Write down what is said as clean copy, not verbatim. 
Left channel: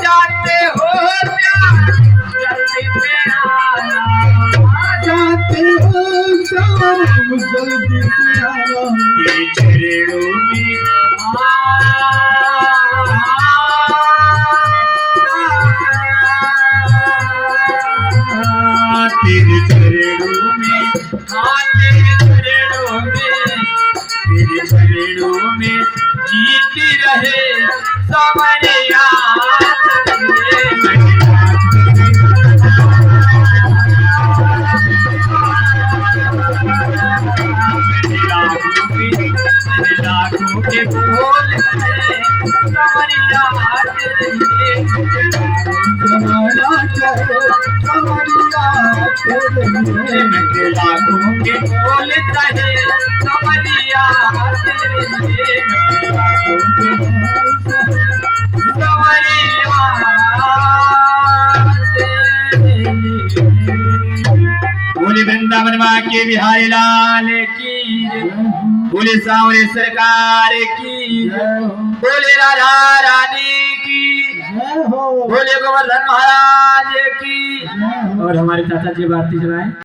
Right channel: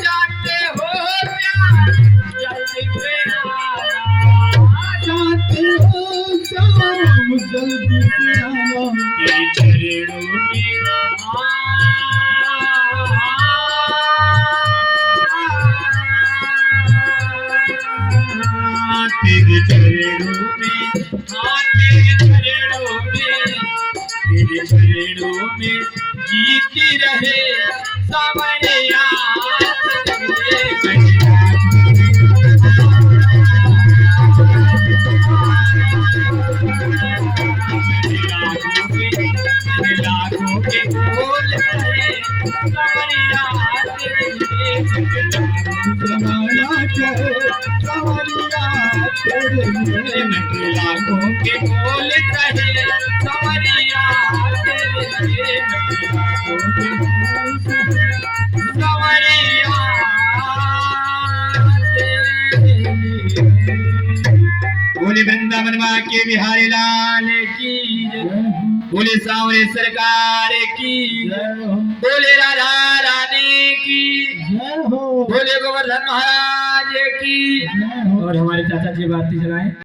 जाते हो प्यार जल्दी से आना, जाते हो सनम जल्दी से आना, तेरे चरणों में तेरे चरणों में, तेरे चरणों में, तेरे चरणों में जीती रहे सावरिया लाखों के बोल सावरिया जमाना कहे सवरिया तेरे लिए, लाखों के बोल कहे सावरिया तेरे लिए, लाखों के बोल सावरिया तेरे लिए। बोले वृंदावन माँ के बिहारी लाल की जय, बोले सांवरे सरकार की जय, बोले राधा रानी की जय हो, बोले गोवर्धन महाराज की जय हो। और हमारे चाचा जी भारती सुनाए।